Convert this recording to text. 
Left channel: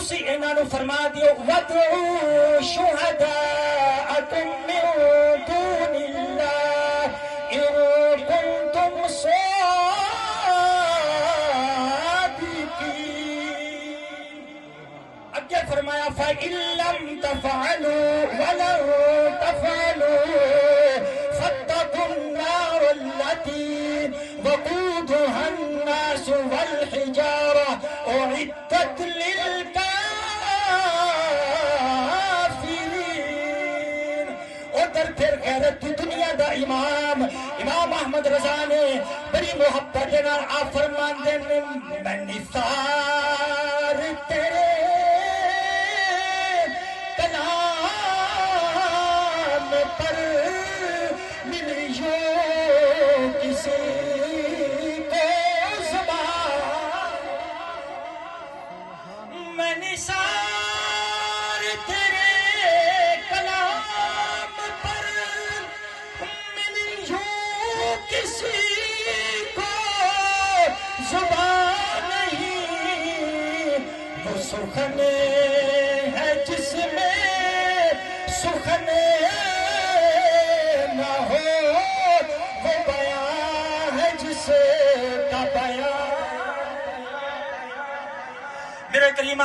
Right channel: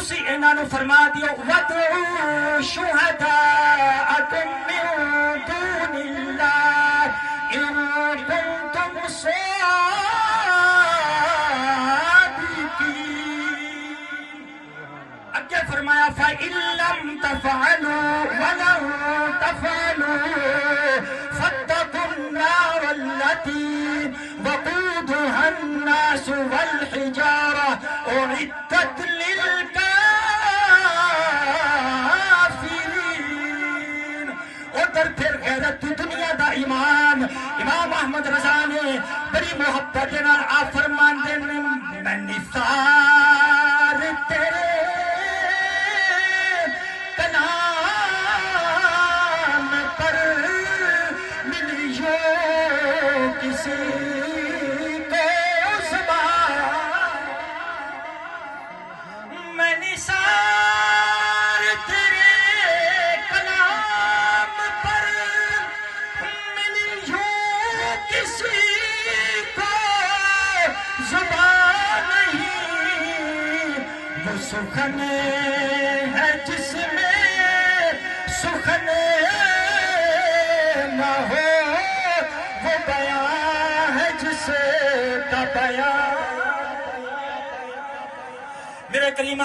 تسی انہاں نو فرما دیو وَادْعُوا شُهَدَاءَكُم مِّن دُونِ اللَّهِ إِن كُنتُمْ صَادِقِينَ۔ اگے فرمایا فَإِن لَّمْ تَفْعَلُوا وَلَن تَفْعَلُوا فَاتَّقُوا النَّارَ الَّتِي وَقُودُهَا النَّاسُ وَالْحِجَارَةُ أُعِدَّتْ لِلْكَافِرِينَ۔ ادھر پھر غیرت دی دنیا دا امام احمد رضا نے بڑی محبت دے نال آ فرماندے نے میں نثار تیرے کلام پر ملیو کسی کو زبان میں نثار تیرے کلام پر ملیو کسی کو زبان نہیں، وہ سخن ہے جس میں سخن نہ ہو، وہ بیان ہے جس کا بیان۔ میرے کریم